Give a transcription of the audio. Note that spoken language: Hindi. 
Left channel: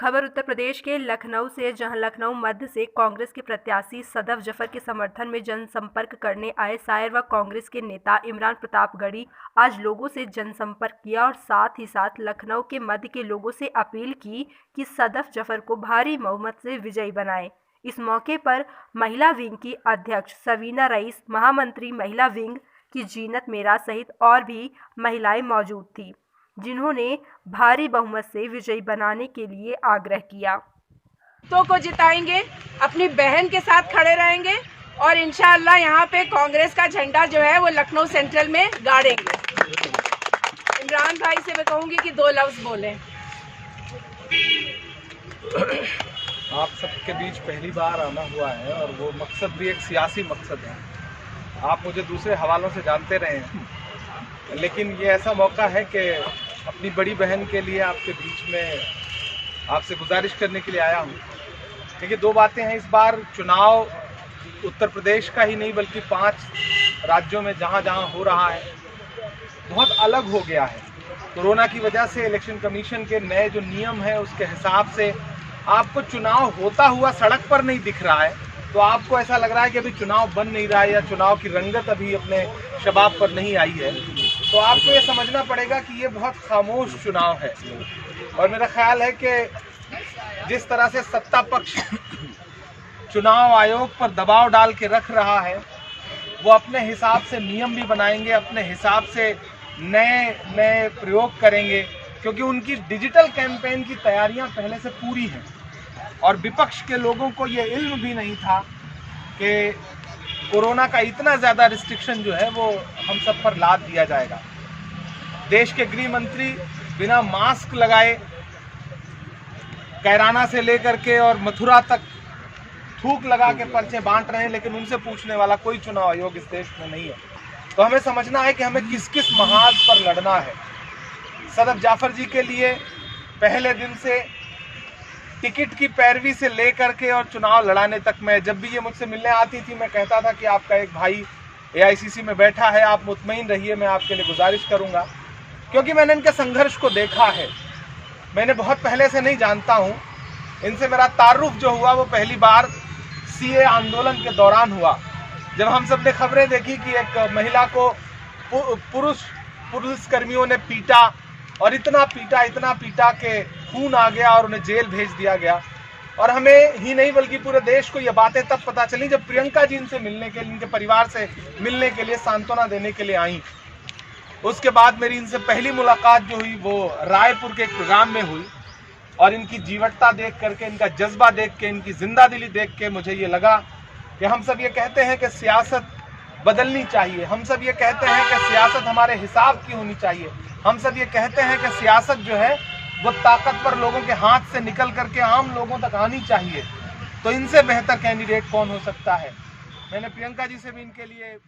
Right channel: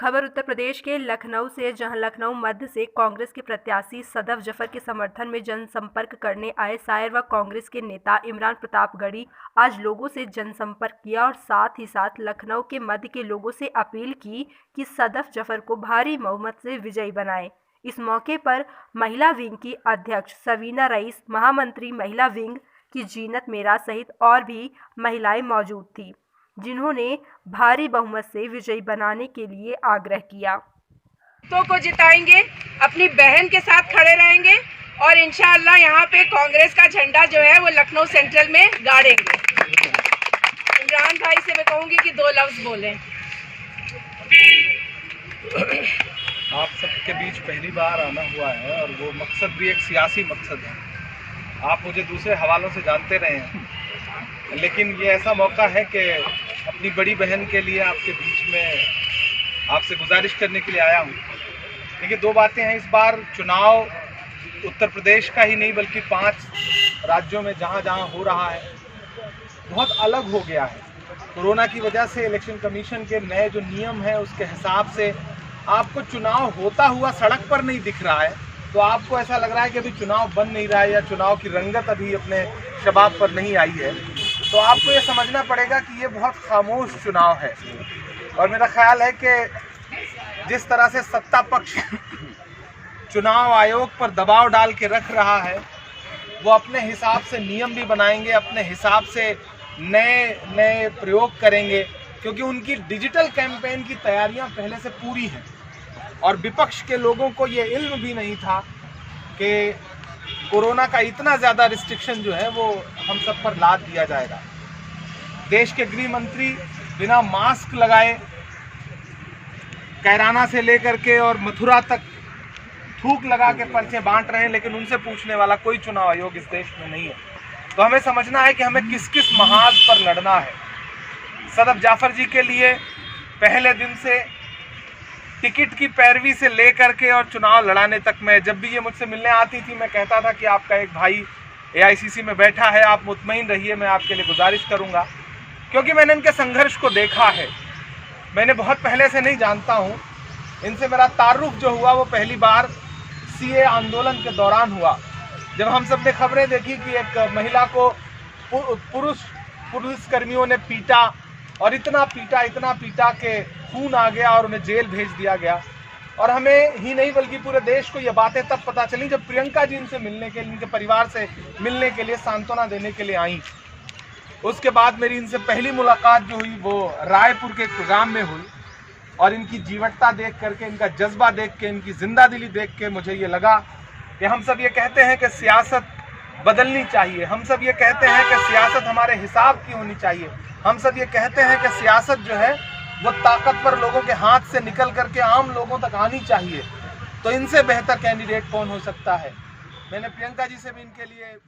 खबर उत्तर प्रदेश के लखनऊ से, जहां लखनऊ मध्य से कांग्रेस के प्रत्याशी सदफ जफर के समर्थन में जनसंपर्क करने आए शायर व कांग्रेस के नेता इमरान प्रतापगढ़ी आज लोगों से जनसंपर्क किया और साथ ही साथ लखनऊ के मध्य के लोगों से अपील की कि सदफ जफर को भारी बहुमत से विजयी बनाएं। इस मौके पर महिला विंग की अध्यक्ष सवीना रईस, महामंत्री महिला विंग की जीनत मेरा सहित और भी महिलाएं मौजूद थी, जिन्होंने भारी बहुमत से विजयी बनाने के लिए आग्रह किया। तो को जिताएंगे, अपनी बहन के साथ खड़े रहेंगे और इंशाअल्लाह यहाँ पे कांग्रेस का झंडा जो है वो लखनऊ सेंट्रल में गाड़ेंगे। इमरान भाई से मैं कहूँगी कि 2 लफ्ज बोलें। आप सबके बीच पहली बार आना हुआ है और वो मकसद भी एक सियासी मकसद है। आप मुझे दूसरे हवालों से जानते रहे हैं, लेकिन ये ऐसा मौका है कि अपनी बड़ी बहन के लिए आपके बीच में आपसे गुजारिश करने के लिए आया हूँ। देखिए, 2 बातें हैं। इस बार चुनाव उत्तर प्रदेश का ही नहीं बल्कि 5 राज्यों में जहाँ जहाँ हो रहा है बहुत अलग हो गया है। कोरोना की वजह से इलेक्शन कमीशन के नए जो नियम हैं उसके हिसाब से आपको चुनाव होता हुआ सड़क पर नहीं दिख रहा है, तो आपको ऐसा लग रहा है कि अभी चुनाव बन नहीं रहा है या चुनाव की रंगत अभी अपने शबाब पर नहीं आई है। तो आपको ये समझना पड़ेगा कि ये बहुत खामोश चुनाव है। और मेरा ख्याल है कि जिस तरह से सत्ता पक्ष चुनाव आयोग पर दबाव डाल के रख रहा है, वो अपने हिसाब से नियम भी बनाएंगे, अपने हिसाब से नए प्रयोग करेंगे, क्योंकि उनकी डिजिटल कैंपेन की तैयारियां पहले से पूरी हैं। और विपक्ष के लोगों को ये इल्म भी नहीं था कि कोरोना का इतना ज़्यादा रिस्ट्रिक्शन जो है वो हम सब पर लाद दिया जाएगा। देश के गृह मंत्री बिना मास्क लगाए कैराना से लेकर के और मथुरा तक थूक लगा के पर्चे बांट रहे हैं, लेकिन उनसे पूछने वाला कोई चुनाव आयोग इस देश में नहीं है। तो हमें समझना है कि हमें किस किस महाज पर लड़ना है। सदफ जाफर जी के लिए पहले दिन से टिकट की पैरवी से लेकर के और चुनाव लड़ाने तक में, जब भी ये मुझसे मिलने आती थी मैं कहता था कि आपका एक भाई AICC में बैठा है, आप मुतमईन रहिए, मैं आपके लिए गुजारिश करूंगा, क्योंकि मैंने इनके संघर्ष को देखा है। मैंने बहुत पहले से नहीं जानता हूं, इनसे मेरा तारुफ जो हुआ वो पहली बार CA आंदोलन के दौरान हुआ, जब हम सब ने खबरें देखी कि एक महिला को पुलिसकर्मियों ने पीटा और इतना पीटा कि खून आ गया और उन्हें जेल भेज दिया गया। और हमें ही नहीं बल्कि पूरे देश को ये बातें तब पता चली जब प्रियंका जी इनसे मिलने के लिए, इनके परिवार से मिलने के लिए, सांत्वना देने के लिए आई। उसके बाद मेरी इनसे पहली मुलाकात जो हुई वो रायपुर के एक प्रोग्राम में हुई, और इनकी जीवटता देख करके, इनका जज्बा देख के, इनकी जिंदादिली देख के मुझे ये लगा कि हम सब ये कहते हैं कि सियासत बदलनी चाहिए, हम सब ये कहते हैं कि सियासत हमारे हिसाब की होनी चाहिए, हम सब ये कहते हैं कि सियासत जो है वो ताकतवर लोगों के हाथ से निकल करके आम लोगों तक आनी चाहिए। तो इनसे बेहतर कैंडिडेट कौन हो सकता है। मैंने प्रियंका जी से भी इनके लिए